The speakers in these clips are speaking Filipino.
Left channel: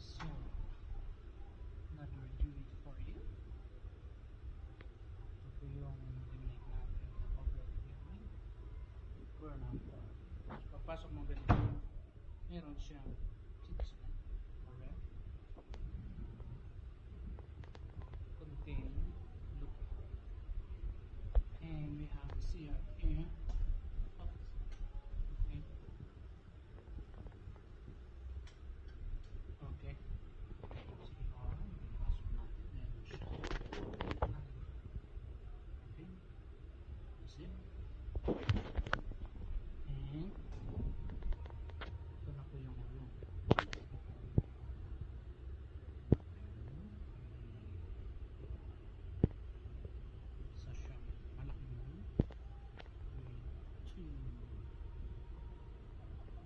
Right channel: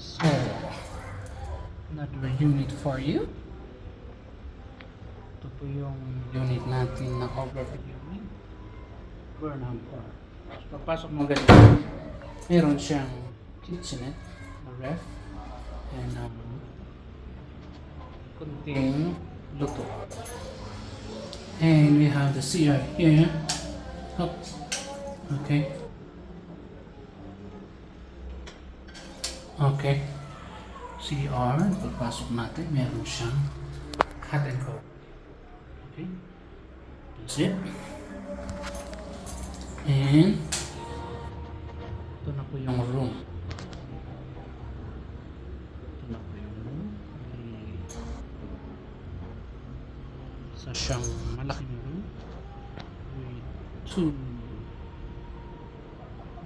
So, another unit for you. Ito po yung unit natin na overview unit. Burnham Park. So, pagpasok mo ganito, meron siyang kitchenette, na ref, and kunting luto. And we have the CR here. Oh, okay. Okay. CR, pagpasok natin, meron siyang hot and cold. Okay. That's it. And ito na po yung room. Ito na po yung room. Isa siyang malaking room with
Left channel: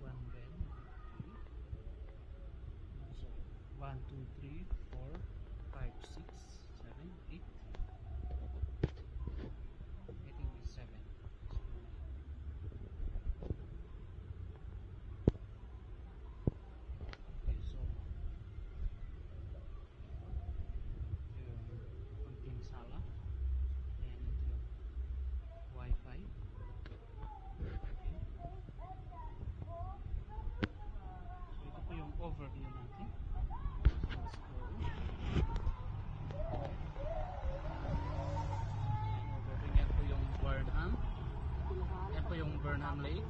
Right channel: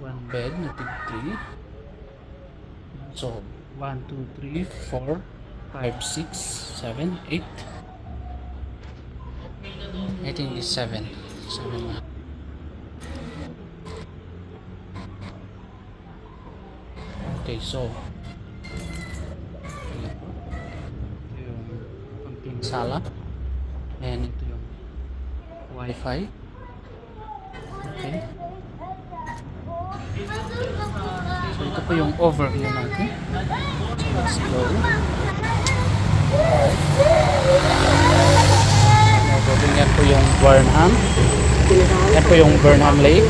one bed na tig 3. So 1, 2, 3, 4, 5, 6, 7, 8. I think it's 7 na. Okay, so ito yung konting sala, and ito yung wifi. Okay, so ito po yung overview natin. So let's go. Yan po yung Burnham. Yan po yung Burnham Lake.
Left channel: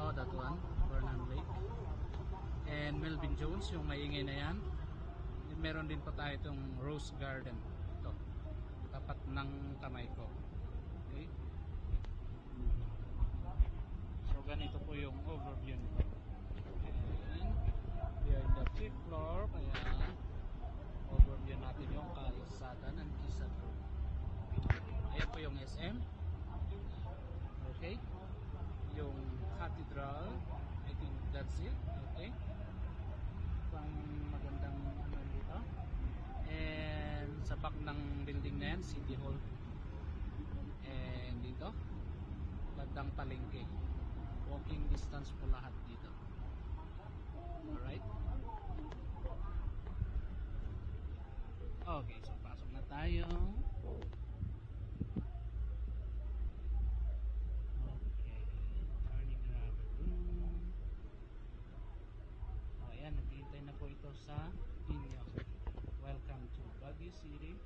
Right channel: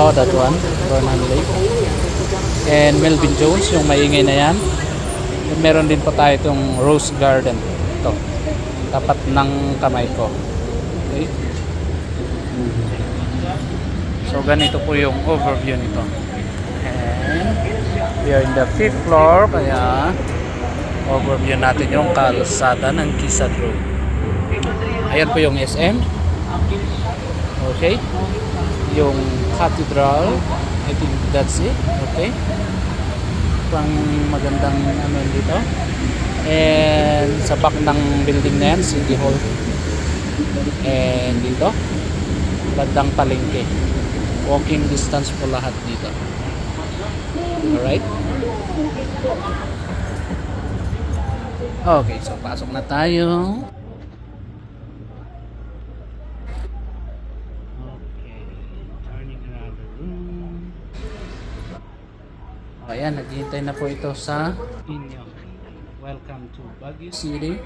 Oh, that one, Burnham Lake. And Melvin Jones, yung maingay na yan. And meron din po tayo itong Rose Garden. Ito, tapat ng kamay ko. Okay. So ganito po yung overview nito. And we are in the 5th floor, kaya overview natin yung kalsada ng Quezon Road. Ayan po yung SM. Okay. Yung Cathedral. I think that's it. Okay. Pang magandang ano dito. And sa back ng building na yan, City Hall. And dito, bandang palengke. Walking distance po lahat dito. Alright. Okay, so pasok na tayo. Ayan, naghihintay na po ito sa inyo. Welcome to Baguio City.